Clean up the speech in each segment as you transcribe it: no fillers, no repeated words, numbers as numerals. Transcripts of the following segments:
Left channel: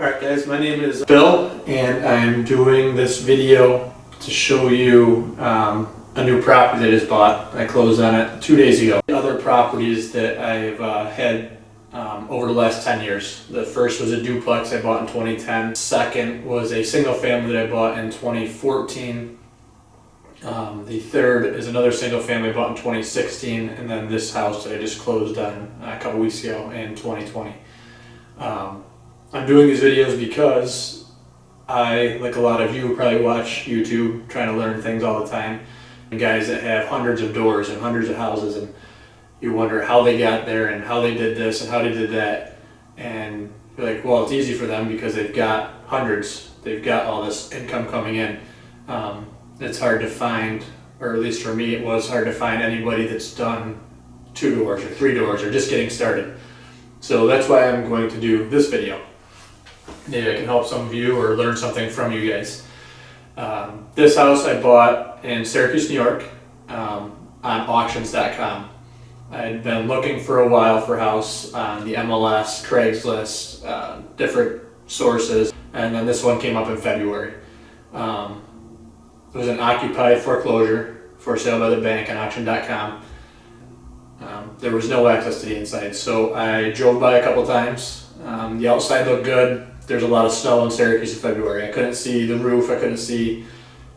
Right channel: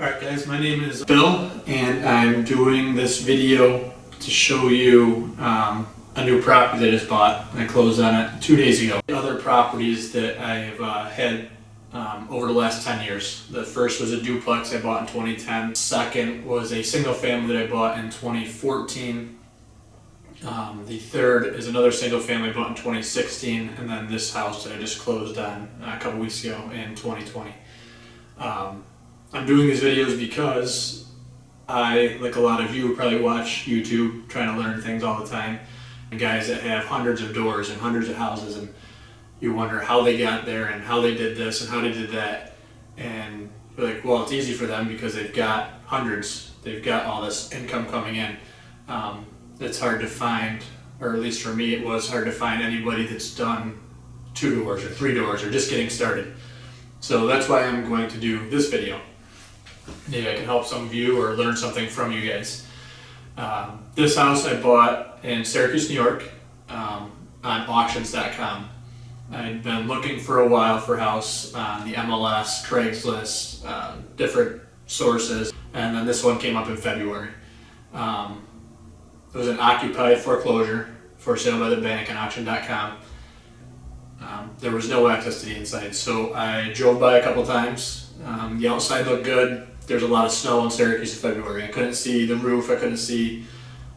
Alright guys, my name is Bill and I'm doing this video to show you a new property that I just bought. I closed on it 2 days ago. Other properties that I've had over the last 10 years. The first was a duplex I bought in 2010. Second was a single family that I bought in 2014. The third is another single family I bought in 2016, and then this house that I just closed on a couple weeks ago in 2020. I'm doing these videos because I, like a lot of you, probably watch YouTube trying to learn things all the time. And guys that have hundreds of doors and hundreds of houses, and you wonder how they got there and how they did this and how they did that. And you're like, well, it's easy for them because they've got hundreds. They've got all this income coming in. It's hard to find, or at least for me it was hard to find anybody that's done 2 doors or 3 doors or just getting started. So that's why I'm going to do this video. Maybe I can help some of you or learn something from you guys. This house I bought in Syracuse, New York, on auctions.com. I'd been looking for a while for a house on the MLS, Craigslist, different sources, and then this one came up in February. It was an occupied foreclosure for sale by the bank on auction.com. There was no access to the inside, so I drove by a couple times. The outside looked good. There's a lot of snow in Syracuse in February. I couldn't see the roof, I couldn't see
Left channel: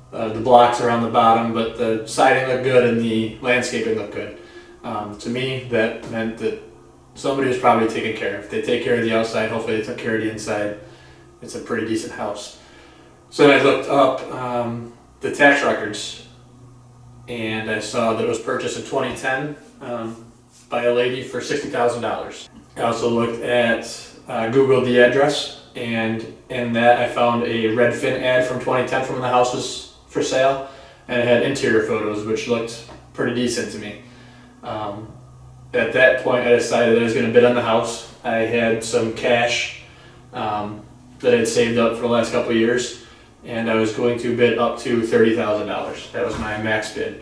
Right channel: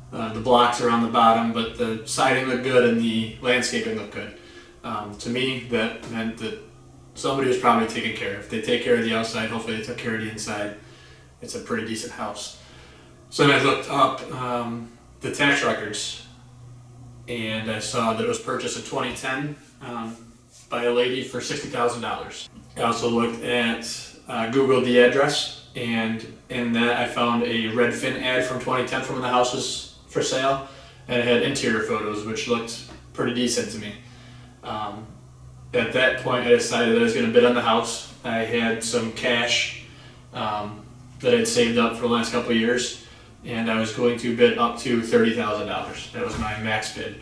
the blocks around the bottom, but the siding looked good and the landscaping looked good. To me, that meant that somebody was probably taking care. If they take care of the outside, hopefully they took care of the inside. It's a pretty decent house. So then I looked up the tax records, and I saw that it was purchased in 2010 by a lady for $60,000. I also looked at Googled the address, and in that I found a Redfin ad from 2010 from when the house was for sale, and it had interior photos which looked pretty decent to me. At that point I decided that I was going to bid on the house. I had some cash that I'd saved up for the last couple of years, and I was going to bid up to $30,000. That was my max bid.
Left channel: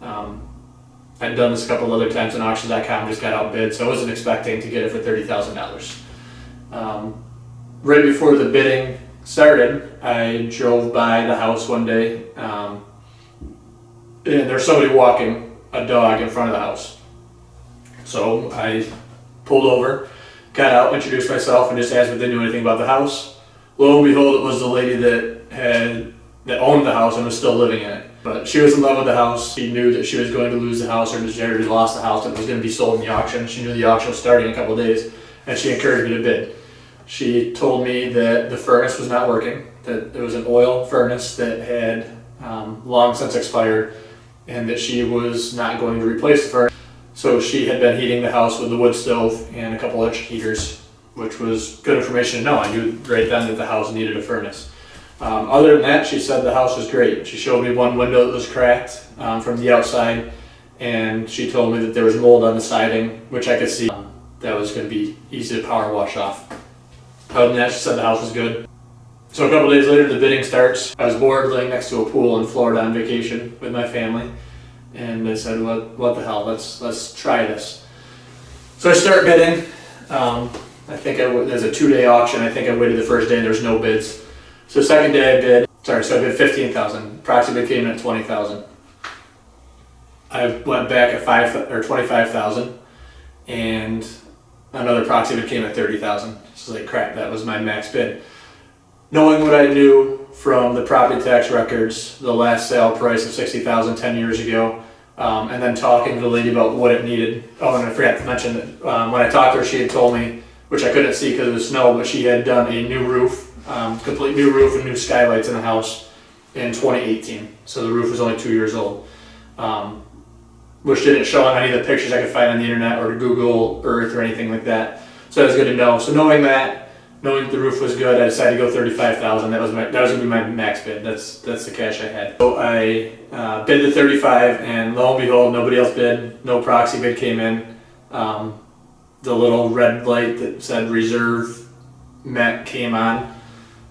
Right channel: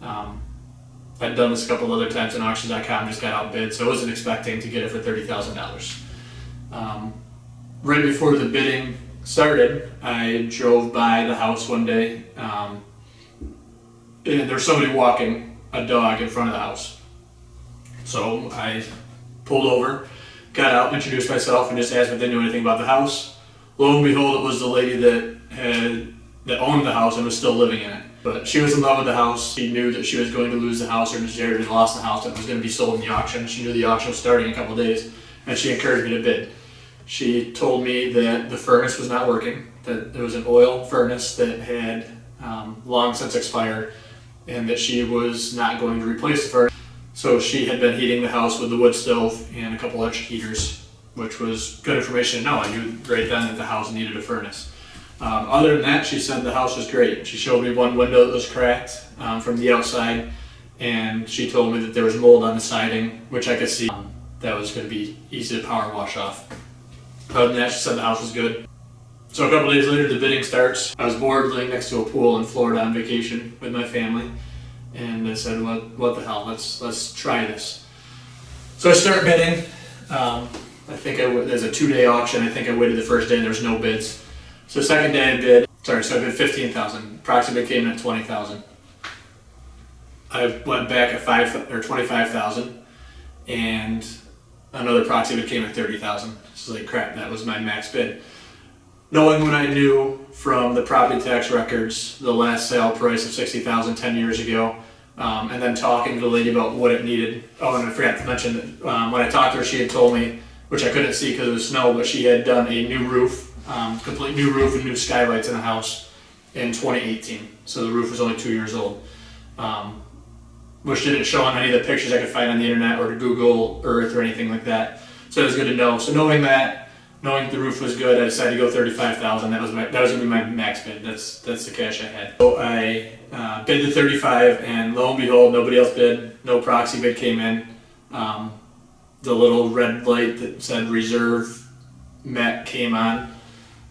I'd done this a couple other times on auctions.com, just got outbid, so I wasn't expecting to get it for $30,000. Right before the bidding started, I drove by the house one day, and there's somebody walking a dog in front of the house. So I pulled over, got out, introduced myself, and just asked if they knew anything about the house. Lo and behold, it was the lady that owned the house and was still living in it. But she was in love with the house. She knew that she was going to lose the house, or she already lost the house and it was going to be sold in the auction. She knew the auction was starting in a couple of days, and she encouraged me to bid. She told me that the furnace was not working, that it was an oil furnace that had long since expired, and that she was not going to replace the furnace. So she had been heating the house with the wood stove and a couple electric heaters, which was good information to know. I knew right then that the house needed a furnace. Other than that, she said the house was great. She showed me one window that was cracked from the outside, and she told me that there was mold on the siding, which I could see that was going to be easy to power wash off. Other than that, she said the house was good. So a couple days later, the bidding starts. I was bored laying next to a pool in Florida on vacation with my family, and I said, what the hell, let's try this. So I start bidding. I think there's a 2-day auction. I think I waited the first day and there was no bids. So second day I bid, so I bid $15,000. Proxy bid came in at $20,000. I went back at $25,000, and another proxy bid came at $30,000. So like, crap, that was my max bid. Knowing what I knew from the property tax records, the last sale price of $60,000 10 years ago, and then talking to the lady about what it needed. Oh, and I forgot to mention that when I talked to her, she had told me, which I couldn't see because of the snow, but she had done a new roof. Complete new roof and new skylights in the house in 2018. So the roof was only 2 years old, which didn't show on any of the pictures I could find on the internet or to Google Earth or anything like that. So that was good to know. So knowing that the roof was good, I decided to go $35,000. That was gonna be my max bid. That's the cash I had. So I bid the $35,000, and lo and behold, nobody else bid. No proxy bid came in. The little red light that said reserve met came on.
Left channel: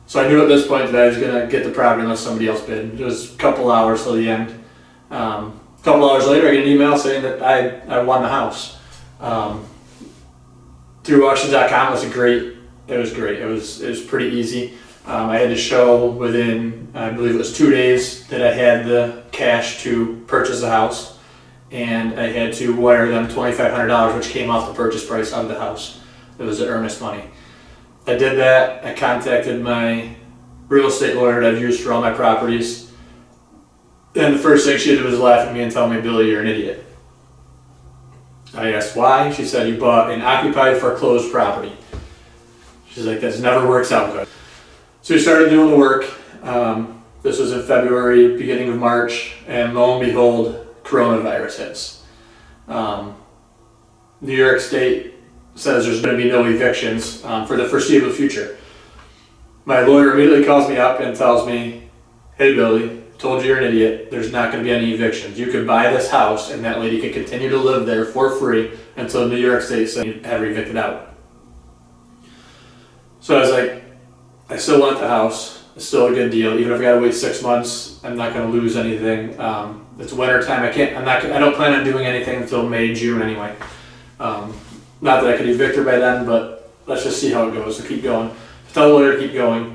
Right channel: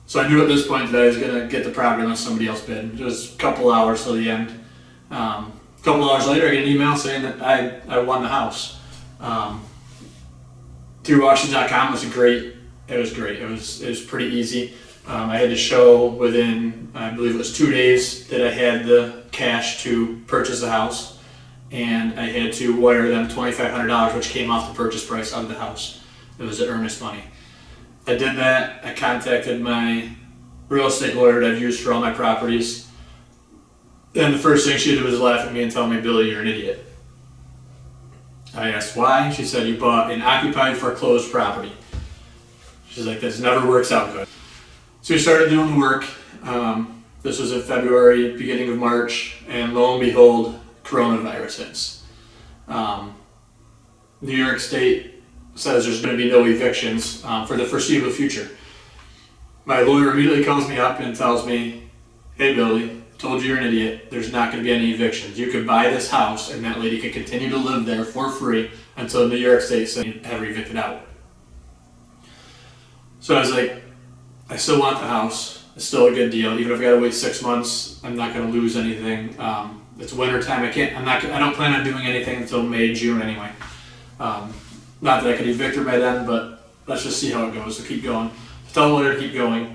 So I knew at this point that I was going to get the property unless somebody else bid. It was a couple hours till the end. A couple hours later, I get an email saying that I won the house. Through auctions.com was a great It was great. It was pretty easy. I had to show within, I believe it was 2 days, that I had the cash to purchase the house, and I had to wire them $2,500, which came off the purchase price of the house. It was the earnest money. I did that. I contacted my real estate lawyer that I've used for all my properties, and the first thing she did was laugh at me and tell me, "Billy, you're an idiot." I asked why. She said, "You bought an occupied foreclosed property." She's like, "This never works out good." So we started doing the work. This was in February, beginning of March, and lo and behold, coronavirus hits. New York State says there's going to be no evictions for the foreseeable future. My lawyer immediately calls me up and tells me, "Hey Billy, I told you you're an idiot. There's not going to be any evictions. You could buy this house and that lady could continue to live there for free until New York State said you have her evicted out." So I was like, I still want the house. It's still a good deal. Even if I gotta wait 6 months, I'm not gonna lose anything. It's winter time. I don't plan on doing anything until May, June anyway. Not that I could evict her by then, but let's just see how it goes. So keep going. Tell the lawyer to keep going.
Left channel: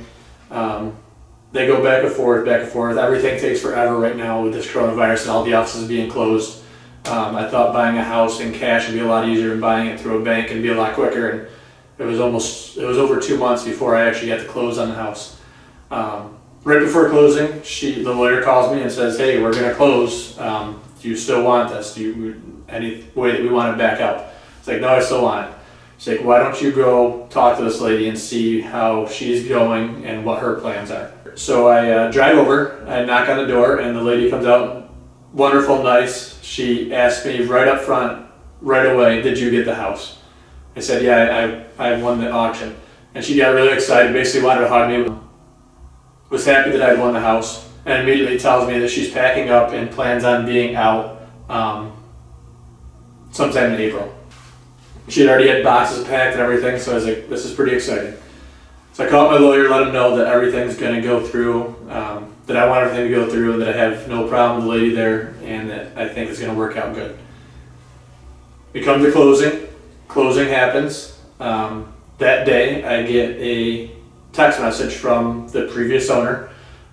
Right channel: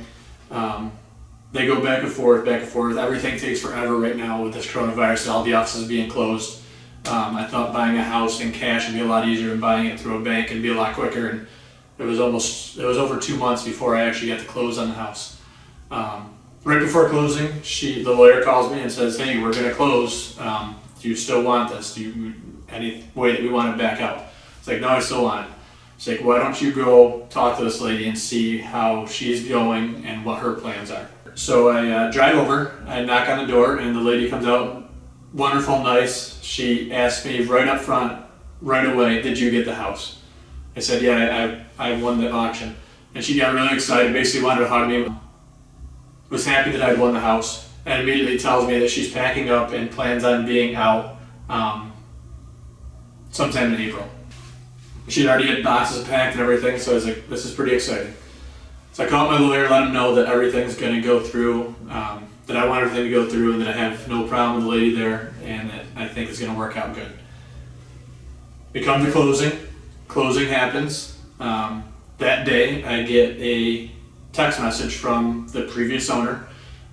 They go back and forth, back and forth. Everything takes forever right now with this coronavirus and all the offices being closed. I thought buying a house in cash would be a lot easier than buying it through a bank and be a lot quicker. And it was over 2 months before I actually got to close on the house. Right before closing, the lawyer calls me and says, "Hey, we're gonna close. Do you still want this? Any way that we want to back out?" It's like, "No, I still want it." She's like, "Why don't you go talk to this lady and see how she's going and what her plans are?" So I drive over, I knock on the door, and the lady comes out, wonderful, nice. She asked me right up front, right away, "Did you get the house?" I said, "Yeah, I won the auction." And she got really excited, basically wanted to hug me. Was happy that I'd won the house, and immediately tells me that she's packing up and plans on being out sometime in April. She'd already had boxes packed and everything, so I was like, this is pretty exciting. So I called my lawyer, let him know that everything's going to go through, that I want everything to go through, and that I have no problem with the lady there, and that I think it's going to work out good. We come to closing. Closing happens. That day I get a text message from the previous owner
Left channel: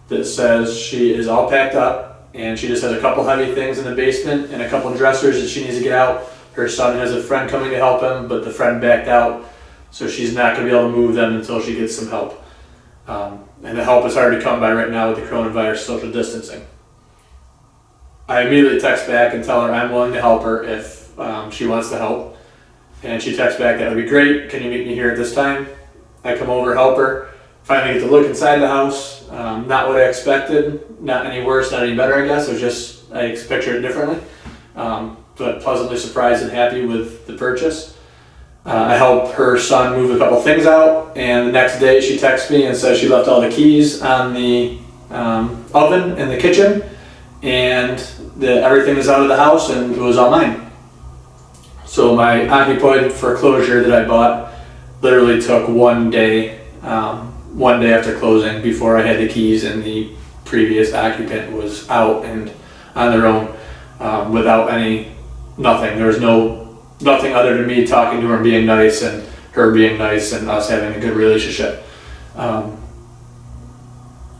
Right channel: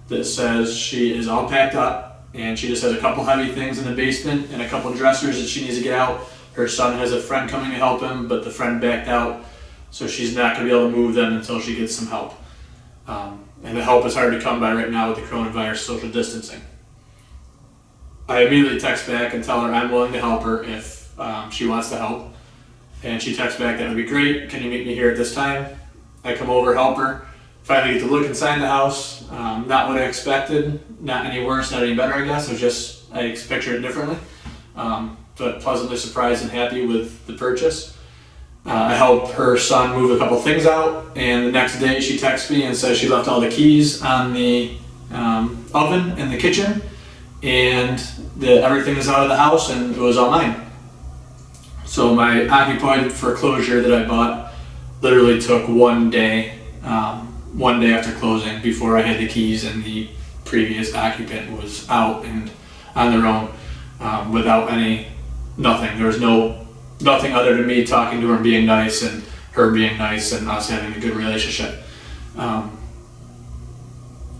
that says she is all packed up and she just has a couple heavy things in the basement and a couple dressers that she needs to get out. Her son has a friend coming to help him, but the friend backed out, so she's not going to be able to move them until she gets some help. And the help is hard to come by right now with the coronavirus social distancing. I immediately text back and tell her I'm willing to help her if she wants to help. And she texts back, "That would be great. Can you meet me here at this time?" I come over, help her. Finally get to look inside the house. Not what I expected. Not any worse, not any better, I guess. It was just, I pictured it differently. But pleasantly surprised and happy with the purchase. I helped her son move a couple things out. And the next day she texts me and says she left all the keys on the oven in the kitchen. And that everything is out of the house and it was all mine. So my occupied foreclosure that I bought literally took one day after closing before I had the keys, and the previous occupant was out and on their own without nothing. There was nothing other than me talking to her and being nice, and her being nice, and us having a good relationship.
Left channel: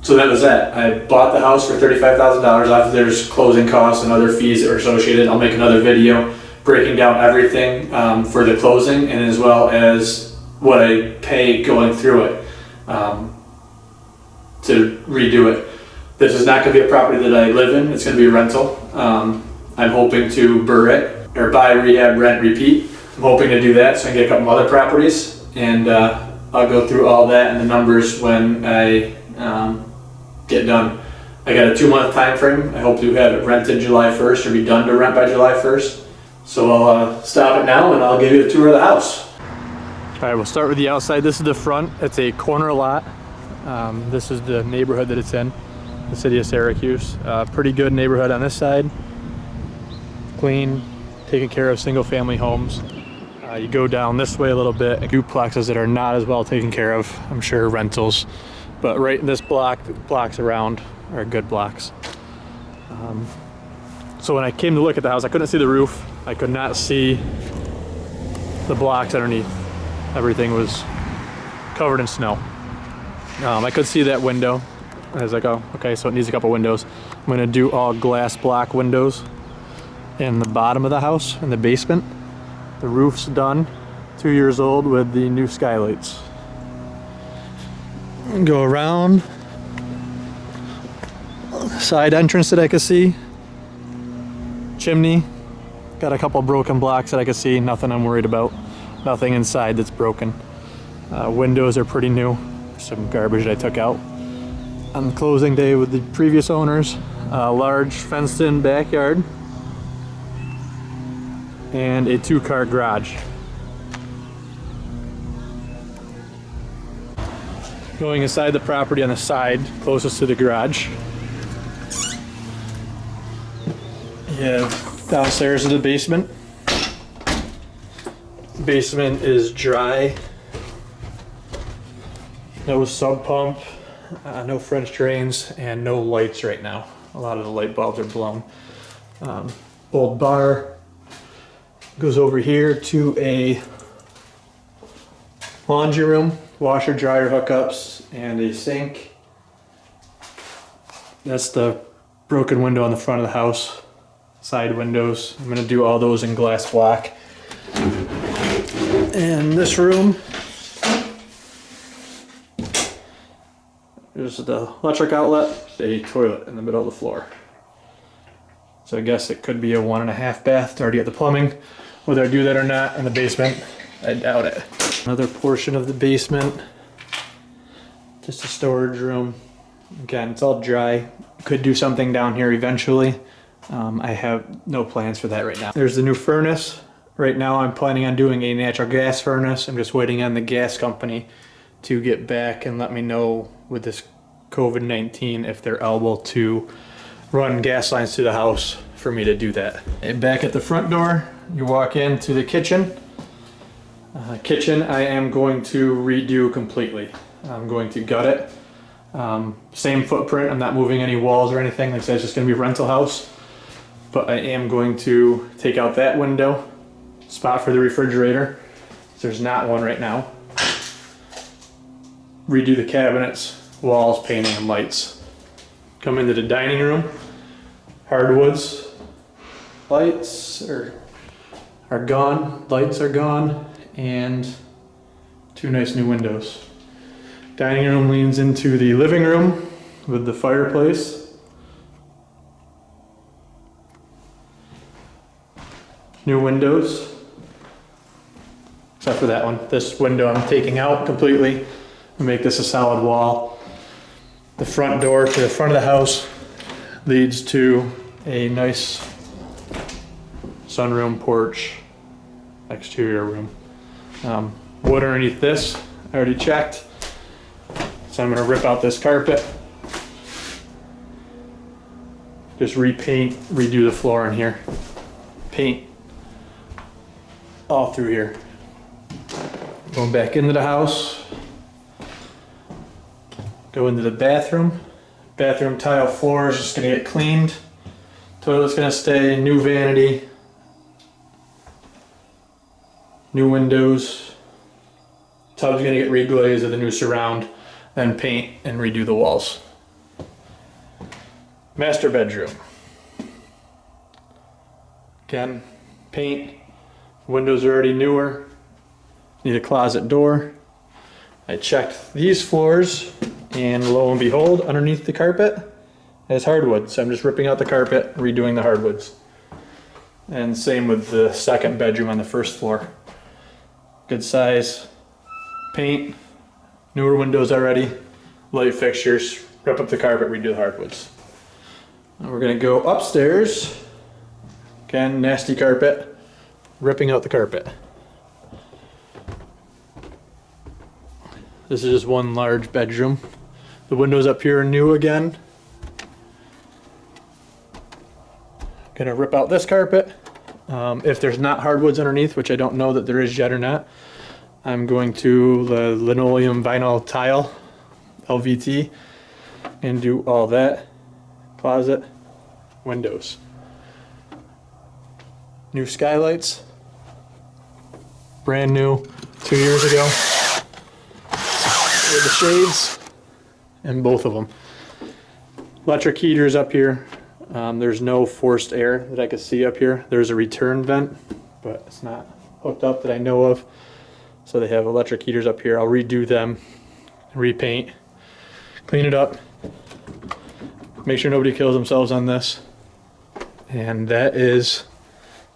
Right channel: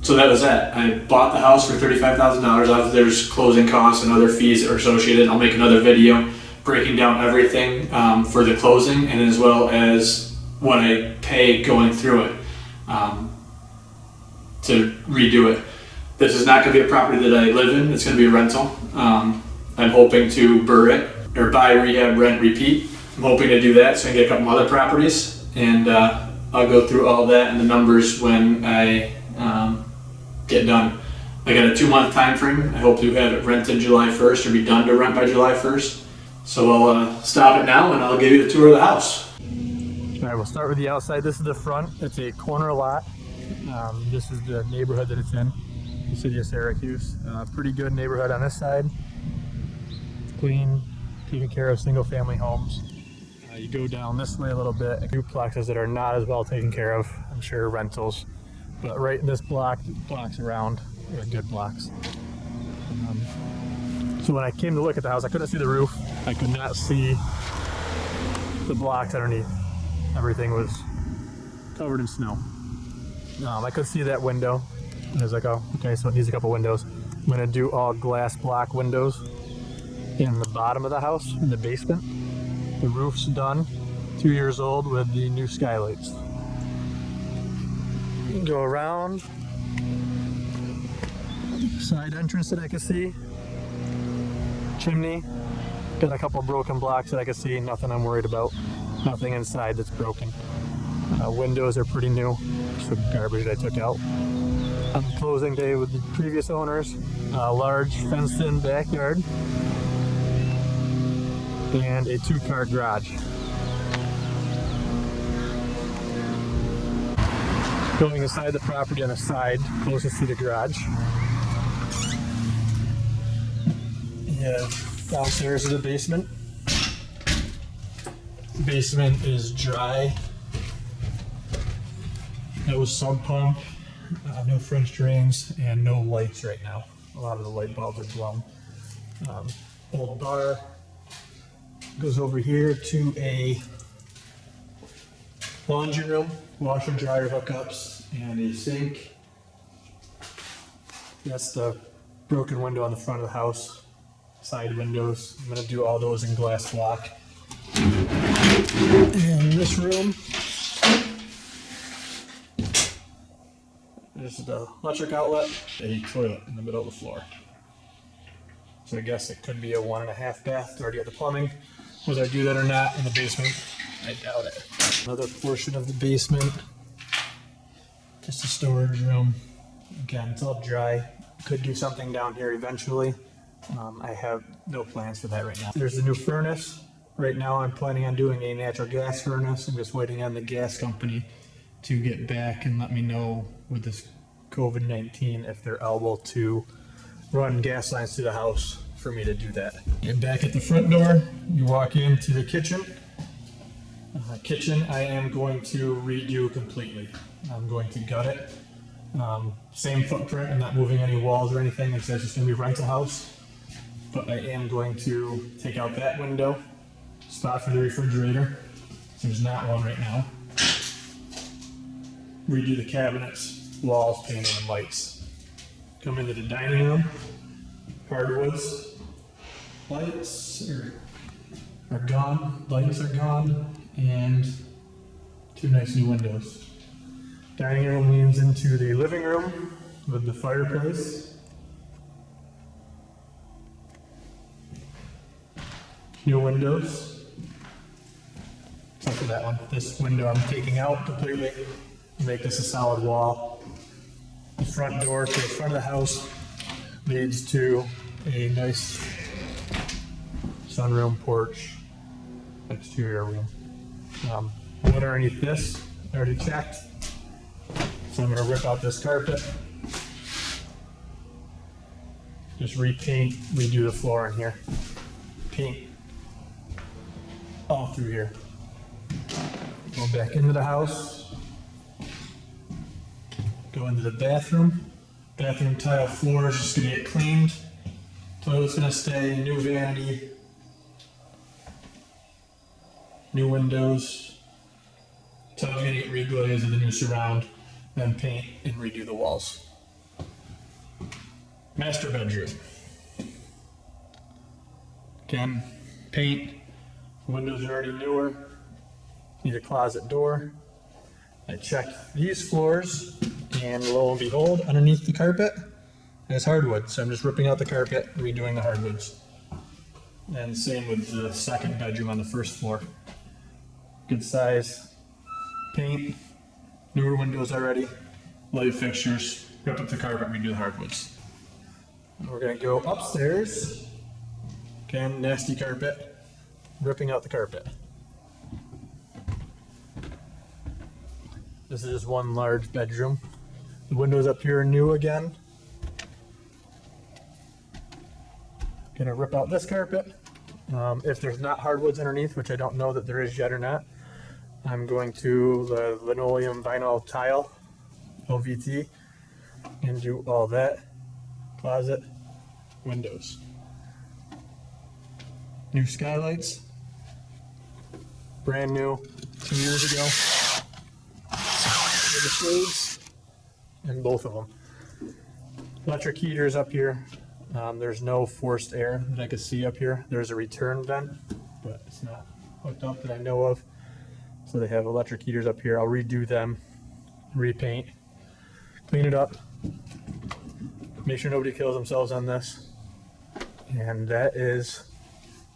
So that was that. I bought the house for $35,000. After there's closing costs and other fees that are associated. I'll make another video breaking down everything for the closing, and as well as what I pay going through it to redo it. This is not going to be a property that I live in. It's going to be a rental. I'm hoping to BRRRR it, or buy, rehab, rent, repeat. I'm hoping to do that so I can get a couple other properties, and I'll go through all that and the numbers when I get done. I got a 2-month time frame. I hope to have it rented July 1st or be done to rent by July 1st. So I'll stop it now and I'll give you a tour of the house. All right, we'll start with the outside. This is the front. It's a corner lot. This is the neighborhood that it's in, the city of Syracuse. Pretty good neighborhood on this side. Clean, taking care of single family homes. You go down this way a little bit, duplexes that are not as well taken care of, I'm sure rentals. But right in this block, the blocks around are good blocks. So when I came to look at the house, I couldn't see the roof. I could not see the blocks underneath. Everything was covered in snow. I could see that window. I was like, oh, okay, so it needs a couple windows. I'm gonna do all glass block windows in the bottom of the house, in the basement. The roof's done, 2 years old with the new skylights. Go around. Side entrance that I can see. Chimney. Got a couple broken blocks that I can see, nothing I'm worried about. Nothing inside that's broken. Windows are pretty new. Some garbage that I took out. On closing day with the previous owners, a large fenced-in backyard and a 2-car garage. Going inside the property on the side, closest to the garage. Yeah, downstairs is the basement. Basement is dry. No sump pump, no French drains, and no lights right now. A lot of the light bulbs are blown. Old bar goes over here to a laundry room, washer dryer hookups, and a sink. That's the broken window on the front of the house. Side windows. I'm gonna do all those in glass block. And this room, there's the electric outlet, a toilet in the middle of the floor. So I guess it could be a 1.5 bath to already get the plumbing. Whether I do that or not in the basement, I doubt it. Another portion of the basement, just a storage room. Again, it's all dry. Could do something down here eventually. I have no plans for that right now. There's the new furnace. Right now I'm planning on doing a natural gas furnace. I'm just waiting on the gas company to get back and let me know with this COVID-19 if they're able to run gas lines to the house for me to do that. And back at the front door, you walk into the kitchen. Kitchen I am going to redo completely. I'm going to gut it. Same footprint, I'm not moving any walls or anything. Like I said, it's just gonna be a rental house. But I am going to take out that window, spot for the refrigerator. There's not one right now. Redo the cabinets, walls, painting, and lights. Come into the dining room. Hardwoods, lights are gone, lights are gone, and 2 nice new windows. Dining room leans into the living room with the fireplace. New windows, except for that one. This window I'm taking out completely and make this a solid wall. The front door to the front of the house leads to a nice sunroom porch, exterior room. Wood underneath this, I already checked. So I'm gonna rip out this carpet. Just repaint, redo the floor in here. Paint all through here. Going back into the house. Go into the bathroom. Bathroom tile floor is just gonna get cleaned. Toilet's gonna stay, new vanity. New windows. Tub's gonna get reglazed with a new surround. Then paint and redo the walls. Master bedroom. Again, paint. Windows are already newer. Need a closet door. I checked these floors, and lo and behold, underneath the carpet has hardwood. So I'm just ripping out the carpet, redoing the hardwoods. And same with the second bedroom on the first floor. Good size. Paint. Newer windows already. Light fixtures. Rip up the carpet, redo the hardwoods. And we're gonna go upstairs. Again, nasty carpet. Ripping out the carpet. This is just one large bedroom. The windows up here are new again. Gonna rip out this carpet. If there's not hardwoods underneath, which I don't know that there is yet or not, I'm going to the linoleum vinyl tile, LVT, and do all that. Closet, windows. New skylights. Brand new, 2 years ago. upgrade the shades in both of them. Electric heaters up here. There's no forced air that I could see up here. There's a return vent, but it's not hooked up that I know of. So they have electric heaters up here. I'll redo them, repaint, clean it up, make sure nobody kills themselves on this. And that is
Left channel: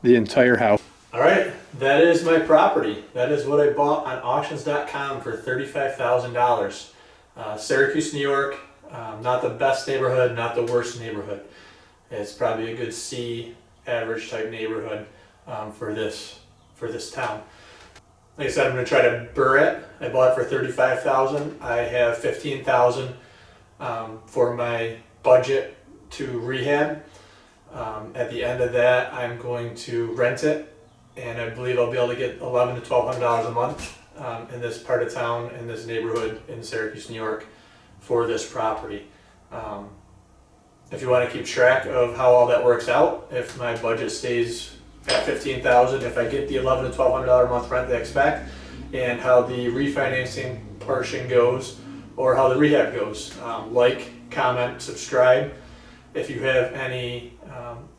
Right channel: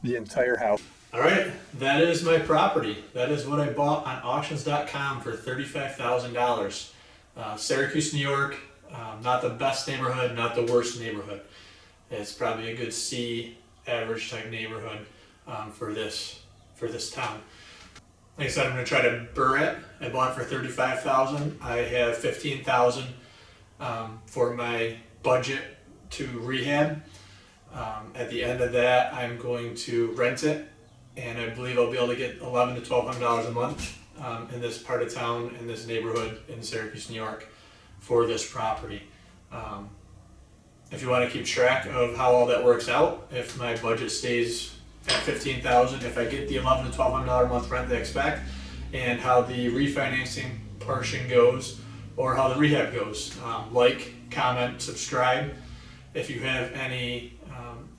the entire house. All right, that is my property. That is what I bought on auctions.com for $35,000. Syracuse, New York. Not the best neighborhood, not the worst neighborhood. It's probably a good C average type neighborhood for this town. Like I said, I'm going to try to BRRRR it. I bought it for $35,000. I have $15,000 for my budget to rehab. At the end of that, I'm going to rent it, and I believe I'll be able to get $1,100 to $1,200 a month in this part of town, in this neighborhood in Syracuse, New York, for this property. If you want to keep track of how all that works out, if my budget stays at $15,000, if I get the $1,100 to $1,200 a month rent they expect, and how the refinancing portion goes, or how the rehab goes, like, comment, subscribe. If you have any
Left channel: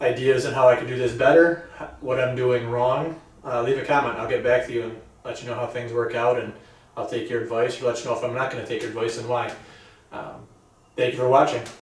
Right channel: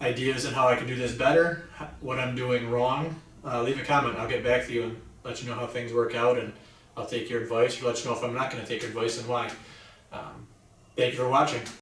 ideas on how I can do this better, what I'm doing wrong, leave a comment. I'll get back to you and let you know how things work out, and I'll take your advice, or let you know if I'm not going to take your advice and why. Thank you for watching.